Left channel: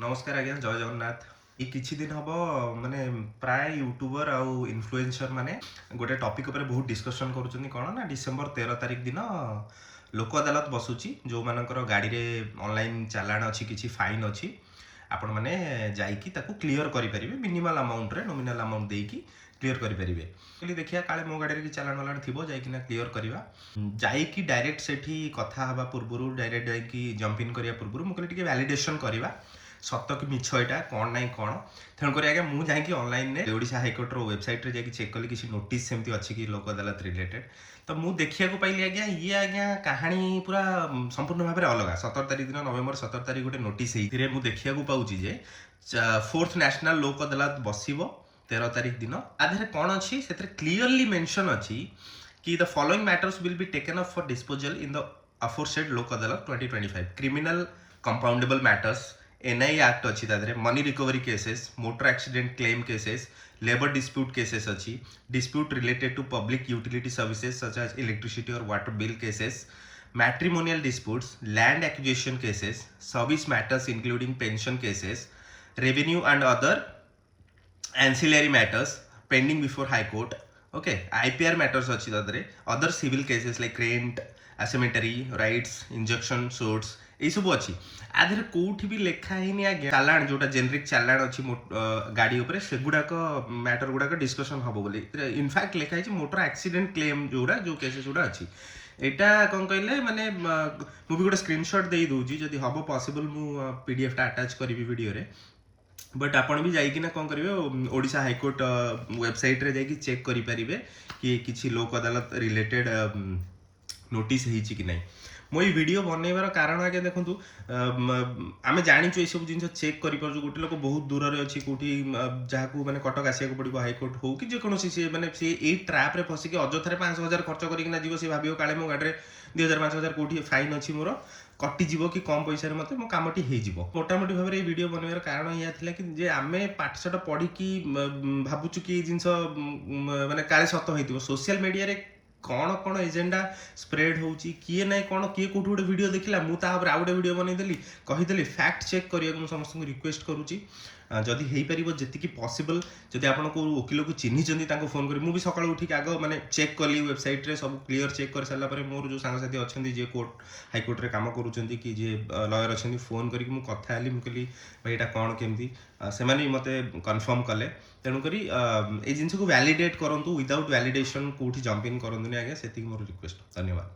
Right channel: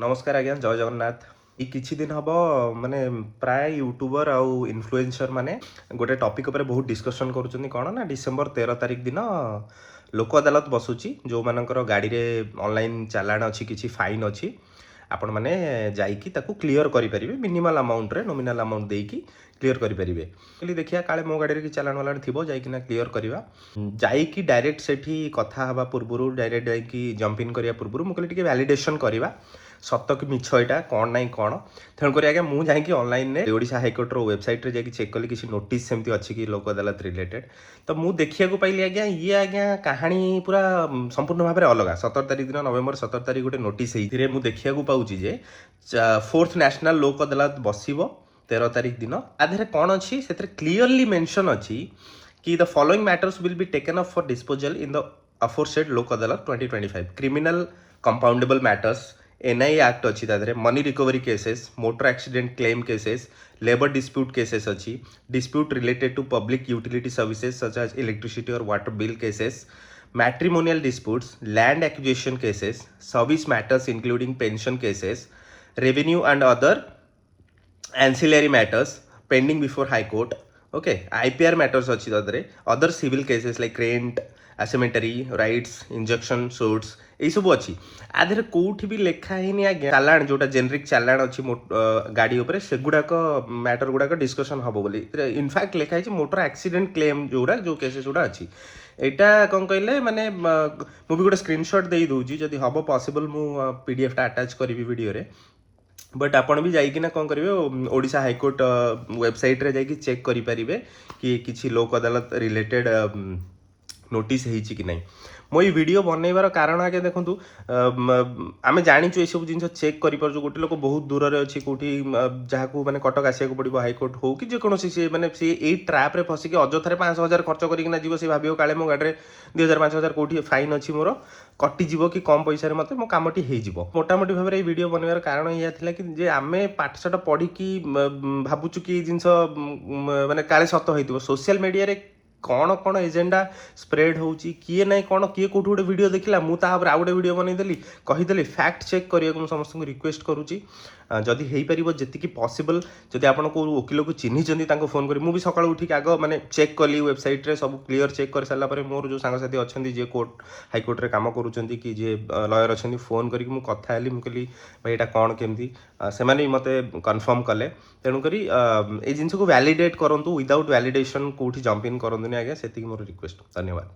नमस्कार आज्ञा जय जगन्नाथ। ये किछि दिन हब माने प्राय यूट्यूबर आउ इन्फ्लुएंसर माने गोटे टॉपिक ऊपर बहुत डिस्कशन करूछन्ती कोन ना डिसेंबर 13 तारिख दिन लोक अदालत बसुची जो मानकर गाड़ी रे ऑनलाइन चालान अछि किछि फाइन अछि आपण माने जाईकी ताकू क्लियर करि परिबे मिनिमल अमाउंट रे नॉमिनल अमाउंट देकी क्लियर करि परिबे कहली देखिया काले मो गाड़ी रे कि चालान वालान थिबो जाईकी ना क्लियर करिवा जाईकी डायरेक्ट सेठी कथा हवा पूर्वरु डायरेक्ट जाईकी जंप इन करिया पूर्वरु मो कहली टिके वैलिडेशन करिवा सत कि मिछ एटा कौन नाई कौन तेणुक आज्ञा मुझे जाकि ऑनलाइन में ओडिशा हाइकोर्टर वेबसाइट रे जाकि चेक कली किसी नोटिस सेमती अच्छी कि लोक अदालत रिलेटेड तो मुझे देखा पाइली आज्ञा ये आज्ञा कहानी पूरा संपूर्ण भाव में अलग 17 तारिख दिन नवेम्बर 17 तारिख गोटे नोटिस मुझे देखा पाऊँ जे 4th नेशनल लोक अदालत बसिबो 13 तारिख दिन आधे कौन अच्छी से क्लीयरली मेंशन अच्छी कि the following matters will be taken up for disposal in the aforesaid Lok Adalat 2025 criminal compoundable matters NI act अच्छी money recovery cases motor accident claim cases labour dispute cases अच्छी dispute related to public utility services such as electricity और water bill cases matrimonial disputes land acquisition cases service matters including pension cases revenue and other ancillary matters pending before high court okay IPR matters अच्छी other civil cases like rent asymmetry rights injunction suits এই সব ଅଛି আধেরে কোউଠି ବି ଲେଖା ହେଇନି ଆଜ୍ଞା ଚାଲାଣ ଯୋଉଟା generic ଚାଲାଣ ଅଛି ଗାଡି ଉପରେ ସେଗୁଡାକ ମ୍ୟାଟର ଗୁଡାକ ଡିସ୍କସନ ହବ ବୋଲି ଇନଫ୍ୟାକ୍ଟ ଲେଖା ହେଇଛି ମୋଟର ଆକ୍ସିଡେଣ୍ଟ କ୍ଲେମ ଯୋଉ କେସେସ୍ ଗୁଡା ଅଛି ଏଇଟା କଣ କହିଲେ ମାନେ ମୁଁ ବି ଗୋଟେ ସ୍କ୍ରିନଶଟ ଦେଇ ଦଉଛି ଯଦି ହବ ପସିବଲ ମୁଁ PDF ଟା ଆଟାଚ କରିବି ଭିଡିଓରେ बट आपण भी जाइकिना कौन करेंगे ओडिशा हाईकोर्ट वेबसाइट रे जाइकी चेक करि परिबे कि किछि लोक अदालत रिलेटेड नोटिस ହେଇଛି कि नहीं मो ये वीडियो बनैबार कारण आगे देखंतु आमे जानिछु ए सब जिंस चेक करि परजु गोटे लोक बहुत दूर रे अछि कोठी जहाकू माने कटक आसिया को पड़िबो हाईकोर्ट हो कि जे कोनोसी से माने से ए ट्रैप रे फसी के अजथरे 5000 खर्च करिकिना जीवो से भाबियो काले मो गाडी रे 2000 5000 कोठी फाइन अछि मोर कटि जीवो कि कम पैसा रे मते मो कामटी हेइ जीवो मोटामोटी भाबरे ए वीडियो बनैबार कारण या थिला कि जे आमे पाठशाठ पढी कि भाबुचु कि जिंस माने काले सत होइतिबो सोशल मीडिया रे कौन कौन एजेंडा स्प्रेड होची किए ना कौन किए कोठी गोटे वीडियो देखला मु ता आउ गोटे वीडियो बनैदेली कहिदेली फैक्ट चेक करिया समस्त रिक्वेस्ट करूची जदि हेई परिबो जेति कि पॉसिबल जदि आपण को वकील को चिन्ही जंदी ताको फोन करी मु भी सकाळ उठी आग माने चेक कली वेबसाइट रे सब क्लियर चेक कर साला परे मोर जो सांग साथी अछंदी जे कोर्ट हाई कोर्ट रे काम करूचंदी कि जे लॉयर अछंदी फोन करी मु कथा आली मु कहली भाई एटा कोन केमदी से माने मते कंफर्म कले तेणु करी ए जिंस को वैलिडेट करंतु विदाउट वैलिडेशन कोठी जंप इन करंतु आगे से मोर रिक्वेस्ट धन्यवाद।